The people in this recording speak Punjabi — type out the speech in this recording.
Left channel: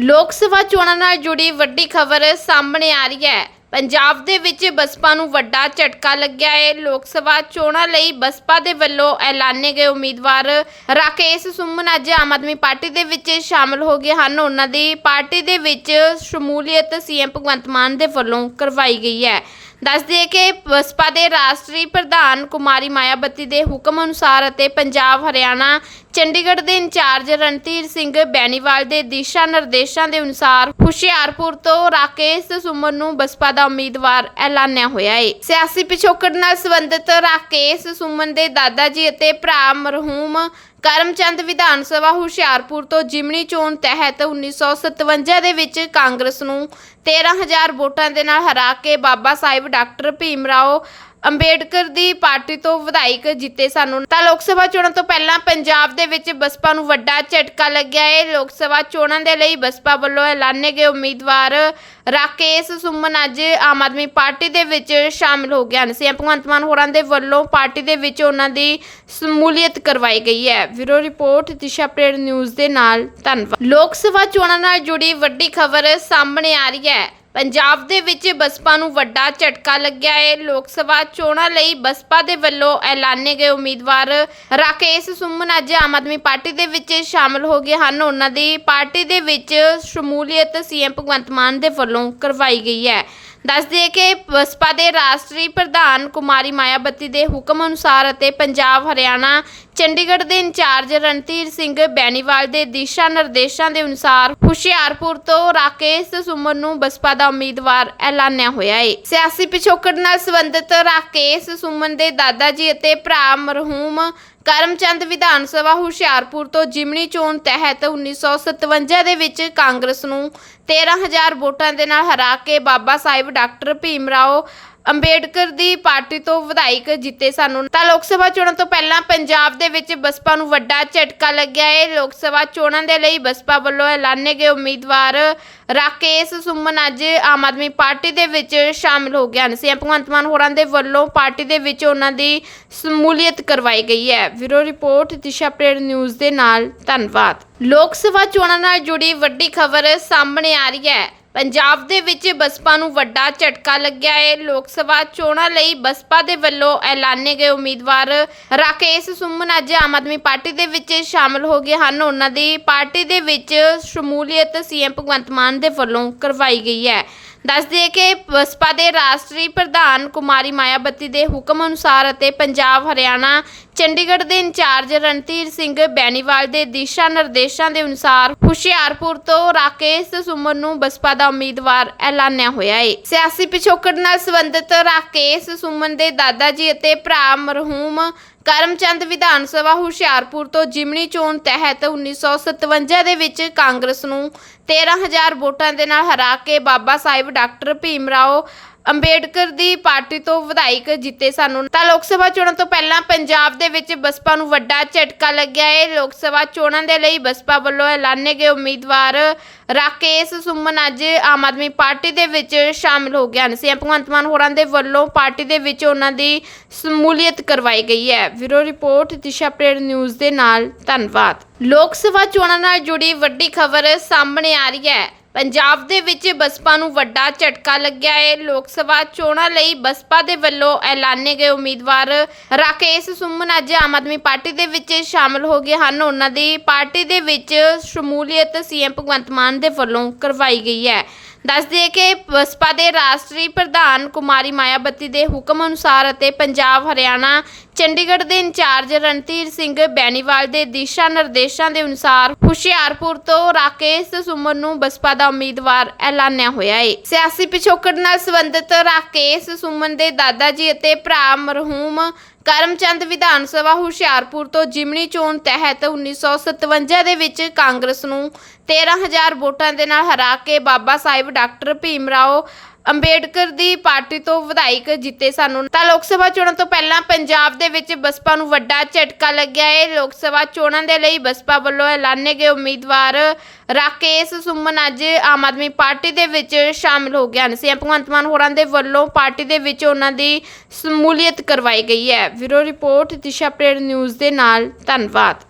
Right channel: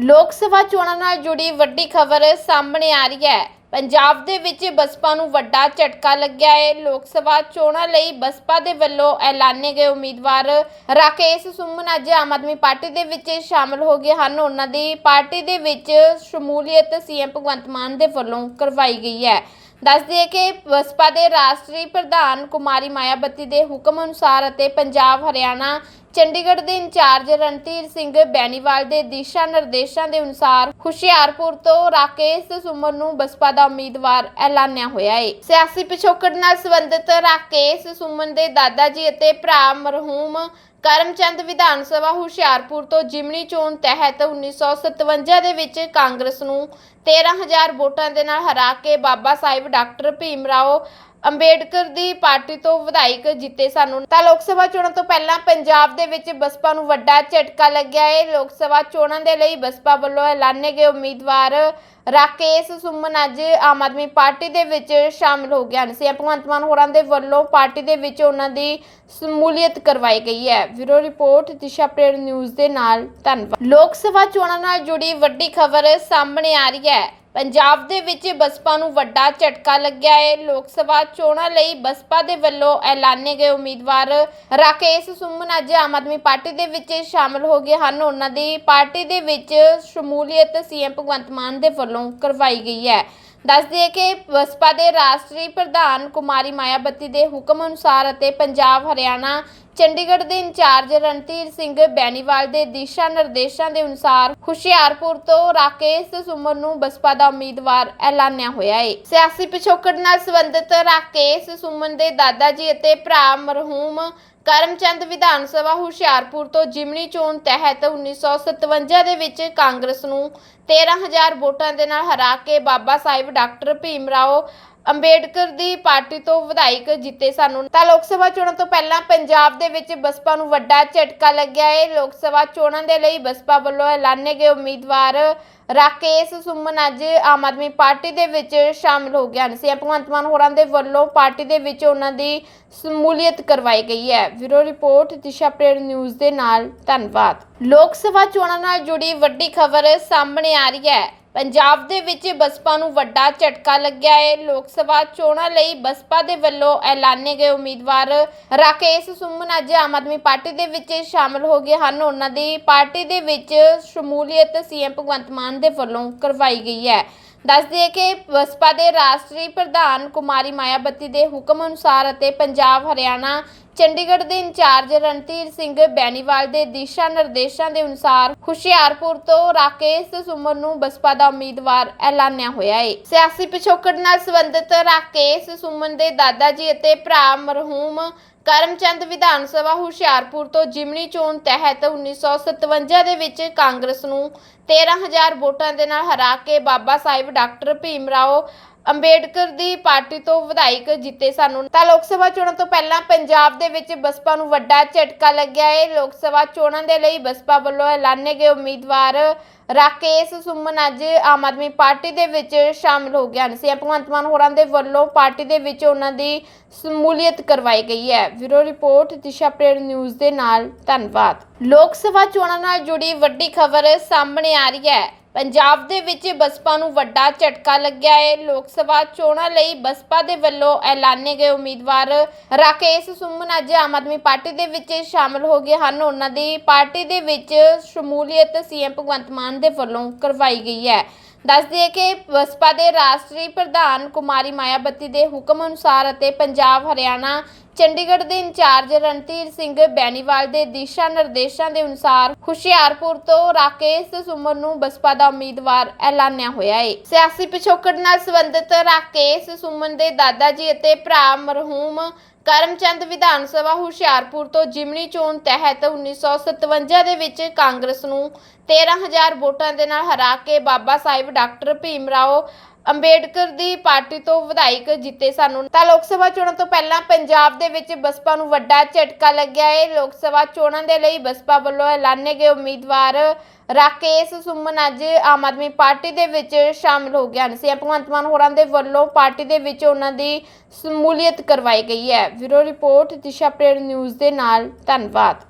ਲੋਕ ਸਭਾ ਚੋਣਾਂ ਨਾਲ ਜੁੜੀ ਵੱਡੀ ਖਬਰ ਸਾਹਮਣੇ ਆ ਰਹੀ ਹੈ। ਪੰਜਾਬ ਦੇ ਵਿੱਚ ਬਸਪਾ ਨੂੰ ਵੱਡਾ ਝਟਕਾ ਲੱਗਿਆ ਹੈ ਲੋਕ ਸਭਾ ਚੋਣਾਂ ਲਈ ਬਸਪਾ ਦੇ ਵੱਲੋਂ ਐਲਾਨੇ ਗਏ ਉਮੀਦਵਾਰ ਰਾਕੇਸ਼ ਸੁਮਨ ਅੱਜ ਆਮ ਆਦਮੀ ਪਾਰਟੀ ਦੇ ਵਿੱਚ ਸ਼ਾਮਲ ਹੋ ਗਏ ਹਨ। ਉਹਨਾਂ ਦੀ ਪਾਰਟੀ ਦੇ ਵਿੱਚ ਸ਼ਮੂਲੀਅਤ ਸੀਐਮ ਭਗਵੰਤ ਮਾਨ ਦੇ ਵੱਲੋਂ ਕਰਵਾਈ ਗਈ ਹੈ। ਦੱਸ ਦਈਏ ਕਿ ਬਸਪਾ ਦੇ ਰਾਸ਼ਟਰੀ ਪ੍ਰਧਾਨ ਕੁਮਾਰੀ ਮਾਇਆਵਤੀ ਦੇ ਹੁਕਮ ਅਨੁਸਾਰ ਅਤੇ ਪੰਜਾਬ, ਹਰਿਆਣਾ, ਚੰਡੀਗੜ੍ਹ ਦੇ ਇੰਚਾਰਜ ਰਣਧੀਰ ਸਿੰਘ ਬੈਨੀਵਾਲ ਦੇ ਦਿਸ਼ਾ ਨਿਰਦੇਸ਼ਾਂ ਦੇ ਅਨੁਸਾਰ ਹੁਸ਼ਿਆਰਪੁਰ ਤੋਂ ਰਾਕੇਸ਼ ਸੁਮਨ ਨੂੰ ਬਸਪਾ ਦਾ ਉਮੀਦਵਾਰ ਐਲਾਨਿਆ ਹੋਇਆ ਹੈ ਸਿਆਸੀ ਪਿਛੋਕੜ ਨਾਲ ਸੰਬੰਧਿਤ ਰਾਕੇਸ਼ ਸੁਮਨ ਦੇ ਦਾਦਾ ਜੀ ਅਤੇ ਭਰਾ ਮਰਹੂਮ ਕਰਮਚੰਦ ਵਿਧਾਨ ਸਭਾ ਹੁਸ਼ਿਆਰਪੁਰ ਤੋਂ ਜਿਮਨੀ ਚੋਣ ਤਹਿਤ 1957 ਦੇ ਵਿੱਚ ਕਾਂਗਰਸ ਨੂੰ 13000 ਵੋਟਾਂ ਦੇ ਨਾਲ ਹਰਾ ਕੇ ਬਾਬਾ ਸਾਹਿਬ ਡਾਕਟਰ ਭੀਮ ਰਾਓ ਅੰਬੇਡਕਰ ਦੀ ਪਾਰਟੀ ਤੋਂ ਵਿਧਾਇਕ ਜਿੱਤੇ ਸਾਨੂੰ। ਤਾਂ ਲੋਕ ਸਭਾ ਚੋਣਾਂ ਤੋਂ ਪਹਿਲਾਂ ਪੰਜਾਬ ਦੇ ਵਿੱਚ ਬਸਪਾ ਨੂੰ ਵੱਡਾ ਝਟਕਾ ਲੱਗਿਆ ਹੈ ਲੋਕ ਸਭਾ ਚੋਣਾਂ ਦੇ ਲਈ ਬਸਪਾ ਵੱਲੋਂ ਐਲਾਨੇ ਗਏ ਉਮੀਦਵਾਰ ਰਾਕੇਸ਼ ਸੁਮਨ ਅੱਜ ਆਮ ਆਦਮੀ ਪਾਰਟੀ ਦੇ ਵਿੱਚ ਸ਼ਾਮਿਲ ਹੋ ਗਏ ਹਨ। ਸੀਐਮ ਭਗਵੰਤ ਮਾਨ ਹੋਰਾਂ ਦੇ ਵੱਲੋਂ ਪਾਰਟੀ ਦੇ ਵਿੱਚ ਉਹਨਾਂ ਦੀ ਸ਼ਮੂਲੀਅਤ ਕਰਵਾਈ ਗਈ ਹੈ। Bureau report, Disha update news ਦੇ ਨਾਲ ਧੰਨਵਾਦ। ਲੋਕ ਸਭਾ ਚੋਣਾਂ ਨਾਲ ਜੁੜੀ ਵੱਡੀ ਖਬਰ ਸਾਹਮਣੇ ਆ ਰਹੀ ਹੈ। ਪੰਜਾਬ ਦੇ ਵਿੱਚ ਬਸਪਾ ਨੂੰ ਵੱਡਾ ਝਟਕਾ ਲੱਗਿਆ ਹੈ। ਲੋਕ ਸਭਾ ਚੋਣਾਂ ਲਈ ਬਸਪਾ ਦੇ ਵੱਲੋਂ ਐਲਾਨੇ ਗਏ ਉਮੀਦਵਾਰ ਰਾਕੇਸ਼ ਸੁਮਨ ਅੱਜ ਆਮ ਆਦਮੀ ਪਾਰਟੀ ਦੇ ਵਿੱਚ ਸ਼ਾਮਲ ਹੋ ਗਏ ਹਨ। ਉਹਨਾਂ ਦੀ ਪਾਰਟੀ ਦੇ ਵਿੱਚ ਸ਼ਮੂਲੀਅਤ ਸੀਐਮ ਭਗਵੰਤ ਮਾਨ ਦੇ ਵੱਲੋਂ ਕਰਵਾਈ ਗਈ ਹੈ। ਦੱਸ ਦਈਏ ਕਿ ਬਸਪਾ ਦੇ ਰਾਸ਼ਟਰੀ ਪ੍ਰਧਾਨ ਕੁਮਾਰੀ ਮਾਇਆਵਤੀ ਦੇ ਹੁਕਮ ਅਨੁਸਾਰ ਅਤੇ ਪੰਜਾਬ, ਹਰਿਆਣਾ, ਚੰਡੀਗੜ੍ਹ ਦੇ ਇੰਚਾਰਜ ਰਣਧੀਰ ਸਿੰਘ ਬੈਨੀਵਾਲ ਦੇ ਦਿਸ਼ਾ ਨਿਰਦੇਸ਼ਾਂ ਦੇ ਅਨੁਸਾਰ ਹੁਸ਼ਿਆਰਪੁਰ ਤੋਂ ਰਾਕੇਸ਼ ਸੁਮਨ ਨੂੰ ਬਸਪਾ ਦਾ ਉਮੀਦਵਾਰ ਐਲਾਨਿਆ ਹੋਇਆ ਹੈ ਸਿਆਸੀ ਪਿਛੋਕੜ ਨਾਲ ਸੰਬੰਧਿਤ ਰਾਕੇਸ਼ ਸੁਮਨ ਦੇ ਦਾਦਾ ਜੀ ਅਤੇ ਭਰਾ ਮਰਹੂਮ ਕਰਮਚੰਦ ਵਿਧਾਨ ਸਭਾ ਹੁਸ਼ਿਆਰਪੁਰ ਤੋਂ ਜਿਮਣੀ ਚੋਣ ਤਹਿਤ 1957 ਦੇ ਵਿੱਚ ਕਾਂਗਰਸ ਨੂੰ 13000 ਵੋਟਾਂ ਦੇ ਨਾਲ ਹਰਾ ਕੇ ਬਾਬਾ ਸਾਹਿਬ ਡਾਕਟਰ ਭੀਮ ਰਾਓ ਅੰਬੇਡਕਰ ਦੀ ਪਾਰਟੀ ਤੋਂ ਵਿਧਾਇਕ ਜਿੱਤੇ ਸਾਨੂੰ ਤਾਂ ਲੋਕ ਸਭਾ ਚੋਣਾਂ ਤੋਂ ਪਹਿਲਾਂ ਪੰਜਾਬ ਦੇ ਵਿੱਚ ਬਸਪਾ ਨੂੰ ਵੱਡਾ ਝਟਕਾ ਲੱਗਿਆ ਹੈ ਲੋਕ ਸਭਾ ਚੋਣਾਂ ਦੇ ਲਈ ਬਸਪਾ ਵੱਲੋਂ ਐਲਾਨੇ ਗਏ ਉਮੀਦਵਾਰ ਰਾਕੇਸ਼ ਸੁਮਨ ਅੱਜ ਆਮ ਆਦਮੀ ਪਾਰਟੀ ਦੇ ਵਿੱਚ ਸ਼ਾਮਿਲ ਹੋ ਗਏ ਹਨ। ਸੀਐਮ ਭਗਵੰਤ ਮਾਨ ਹੋਰਾਂ ਦੇ ਵੱਲੋਂ ਪਾਰਟੀ ਦੇ ਵਿੱਚ ਉਹਨਾਂ ਦੀ ਸ਼ਮੂਲੀਅਤ ਕਰਵਾਈ ਗਈ ਹੈ। Bureau report, Disha update news ਦੇ ਨਾਲ ਧੰਨਵਾਦ। ਲੋਕ ਸਭਾ ਚੋਣਾਂ ਨਾਲ ਜੁੜੀ ਵੱਡੀ ਖਬਰ ਸਾਹਮਣੇ ਆ ਰਹੀ ਹੈ। ਪੰਜਾਬ ਦੇ ਵਿੱਚ ਬਸਪਾ ਨੂੰ ਵੱਡਾ ਝਟਕਾ ਲੱਗਿਆ ਹੈ। ਲੋਕ ਸਭਾ ਚੋਣਾਂ ਲਈ ਬਸਪਾ ਦੇ ਵੱਲੋਂ ਐਲਾਨੇ ਗਏ ਉਮੀਦਵਾਰ ਰਾਕੇਸ਼ ਸੁਮਨ ਅੱਜ ਆਮ ਆਦਮੀ ਪਾਰਟੀ ਦੇ ਵਿੱਚ ਸ਼ਾਮਲ ਹੋ ਗਏ ਹਨ। ਉਹਨਾਂ ਦੀ ਪਾਰਟੀ ਦੇ ਵਿੱਚ ਸ਼ਮੂਲੀਅਤ ਸੀਐਮ ਭਗਵੰਤ ਮਾਨ ਦੇ ਵੱਲੋਂ ਕਰਵਾਈ ਗਈ ਹੈ। ਦੱਸ ਦਈਏ ਕਿ ਬਸਪਾ ਦੇ ਰਾਸ਼ਟਰੀ ਪ੍ਰਧਾਨ ਕੁਮਾਰੀ ਮਾਇਆਵਤੀ ਦੇ ਹੁਕਮ ਅਨੁਸਾਰ ਅਤੇ ਪੰਜਾਬ, ਹਰਿਆਣਾ, ਚੰਡੀਗੜ੍ਹ ਦੇ ਇੰਚਾਰਜ ਰਣਧੀਰ ਸਿੰਘ ਬੈਨੀਵਾਲ ਦੇ ਦਿਸ਼ਾ ਨਿਰਦੇਸ਼ਾਂ ਦੇ ਅਨੁਸਾਰ ਹੁਸ਼ਿਆਰਪੁਰ ਤੋਂ ਰਾਕੇਸ਼ ਸੁਮਨ ਨੂੰ ਬਸਪਾ ਦਾ ਉਮੀਦਵਾਰ ਐਲਾਨਿਆ ਹੋਇਆ ਹੈ ਸਿਆਸੀ ਪਿਛੋਕੜ ਨਾਲ ਸੰਬੰਧਿਤ ਰਾਕੇਸ਼ ਸੁਮਨ ਦੇ ਦਾਦਾ ਜੀ ਅਤੇ ਭਰਾ ਮਰਹੂਮ ਕਰਮਚੰਦ ਵਿਧਾਨ ਸਭਾ ਹੁਸ਼ਿਆਰਪੁਰ ਤੋਂ ਜਿਮਣੀ ਚੋਣ ਤਹਿਤ 1957 ਦੇ ਵਿੱਚ ਕਾਂਗਰਸ ਨੂੰ 13000 ਵੋਟਾਂ ਦੇ ਨਾਲ ਹਰਾ ਕੇ ਬਾਬਾ ਸਾਹਿਬ ਡਾਕਟਰ ਭੀਮ ਰਾਓ ਅੰਬੇਡਕਰ ਦੀ ਪਾਰਟੀ ਤੋਂ ਵਿਧਾਇਕ ਜਿੱਤੇ ਸਾਨੂੰ ਤਾਂ ਲੋਕ ਸਭਾ ਚੋਣਾਂ ਤੋਂ ਪਹਿਲਾਂ ਪੰਜਾਬ ਦੇ ਵਿੱਚ ਬਸਪਾ ਨੂੰ ਵੱਡਾ ਝਟਕਾ ਲੱਗਿਆ ਹੈ ਲੋਕ ਸਭਾ ਚੋਣਾਂ ਦੇ ਲਈ ਬਸਪਾ ਵੱਲੋਂ ਐਲਾਨੇ ਗਏ ਉਮੀਦਵਾਰ ਰਾਕੇਸ਼ ਸੁਮਨ ਅੱਜ ਆਮ ਆਦਮੀ ਪਾਰਟੀ ਦੇ ਵਿੱਚ ਸ਼ਾਮਿਲ ਹੋ ਗਏ ਹਨ। ਸੀਐਮ ਭਗਵੰਤ ਮਾਨ ਹੋਰਾਂ ਦੇ ਵੱਲੋਂ ਪਾਰਟੀ ਦੇ ਵਿੱਚ ਉਹਨਾਂ ਦੀ ਸ਼ਮੂਲੀਅਤ ਕਰਵਾਈ ਗਈ ਹੈ। Bureau report, Disha update news ਦੇ ਨਾਲ ਧੰਨਵਾਦ। ਲੋਕ ਸਭਾ ਚੋਣਾਂ ਨਾਲ ਜੁੜੀ ਵੱਡੀ ਖਬਰ ਸਾਹਮਣੇ ਆ ਰਹੀ ਹੈ। ਪੰਜਾਬ ਦੇ ਵਿੱਚ ਬਸਪਾ ਨੂੰ ਵੱਡਾ ਝਟਕਾ ਲੱਗਿਆ ਹੈ। ਲੋਕ ਸਭਾ ਚੋਣਾਂ ਲਈ ਬਸਪਾ ਦੇ ਵੱਲੋਂ ਐਲਾਨੇ ਗਏ ਉਮੀਦਵਾਰ ਰਾਕੇਸ਼ ਸੁਮਨ ਅੱਜ ਆਮ ਆਦਮੀ ਪਾਰਟੀ ਦੇ ਵਿੱਚ ਸ਼ਾਮਲ ਹੋ ਗਏ ਹਨ। ਉਹਨਾਂ ਦੀ ਪਾਰਟੀ ਦੇ ਵਿੱਚ ਸ਼ਮੂਲੀਅਤ ਸੀਐਮ ਭਗਵੰਤ ਮਾਨ ਦੇ ਵੱਲੋਂ ਕਰਵਾਈ ਗਈ ਹੈ। ਦੱਸ ਦਈਏ ਕਿ ਬਸਪਾ ਦੇ ਰਾਸ਼ਟਰੀ ਪ੍ਰਧਾਨ ਕੁਮਾਰੀ ਮਾਇਆਵਤੀ ਦੇ ਹੁਕਮ ਅਨੁਸਾਰ ਅਤੇ ਪੰਜਾਬ, ਹਰਿਆਣਾ, ਚੰਡੀਗੜ੍ਹ ਦੇ ਇੰਚਾਰਜ ਰਣਧੀਰ ਸਿੰਘ ਬੈਨੀਵਾਲ ਦੇ ਦਿਸ਼ਾ ਨਿਰਦੇਸ਼ਾਂ ਦੇ ਅਨੁਸਾਰ ਹੁਸ਼ਿਆਰਪੁਰ ਤੋਂ ਰਾਕੇਸ਼ ਸੁਮਨ ਨੂੰ ਬਸਪਾ ਦਾ ਉਮੀਦਵਾਰ ਐਲਾਨਿਆ ਹੋਇਆ ਹੈ। ਸਿਆਸੀ ਪਿਛੋਕੜ ਨਾਲ ਸੰਬੰਧਿਤ ਰਾਕੇਸ਼ ਸੁਮਨ ਦੇ ਦਾਦਾ ਜੀ ਅਤੇ ਭਰਾ ਮਰਹੂਮ ਕਰਮਚੰਦ ਵਿਧਾਨ ਸਭਾ ਹੁਸ਼ਿਆਰਪੁਰ ਤੋਂ ਜਿਮਣੀ ਚੋਣ ਤਹਿਤ 1957 ਦੇ ਵਿੱਚ ਕਾਂਗਰਸ ਨੂੰ 13000 ਵੋਟਾਂ ਦੇ ਨਾਲ ਹਰਾ ਕੇ ਬਾਬਾ ਸਾਹਿਬ ਡਾਕਟਰ ਭੀਮ ਰਾਓ ਅੰਬੇਡਕਰ ਦੀ ਪਾਰਟੀ ਤੋਂ ਵਿਧਾਇਕ ਜਿੱਤੇ ਸਾਨੂੰ ਤਾਂ ਲੋਕ ਸਭਾ ਚੋਣਾਂ ਤੋਂ ਪਹਿਲਾਂ ਪੰਜਾਬ ਦੇ ਵਿੱਚ ਬਸਪਾ ਨੂੰ ਵੱਡਾ ਝਟਕਾ ਲੱਗਿਆ ਹੈ ਲੋਕ ਸਭਾ ਚੋਣਾਂ ਦੇ ਲਈ ਬਸਪਾ ਵੱਲੋਂ ਐਲਾਨੇ ਗਏ ਉਮੀਦਵਾਰ ਰਾਕੇਸ਼ ਸੁਮਨ ਅੱਜ ਆਮ ਆਦਮੀ ਪਾਰਟੀ ਦੇ ਵਿੱਚ ਸ਼ਾਮਿਲ ਹੋ ਗਏ ਹਨ। ਸੀਐਮ ਭਗਵੰਤ ਮਾਨ ਹੋਰਾਂ ਦੇ ਵੱਲੋਂ ਪਾਰਟੀ ਦੇ ਵਿੱਚ ਉਹਨਾਂ ਦੀ ਸ਼ਮੂਲੀਅਤ ਕਰਵਾਈ ਗਈ ਹੈ। Bureau report, Disha update news ਦੇ ਨਾਲ ਧੰਨਵਾਦ।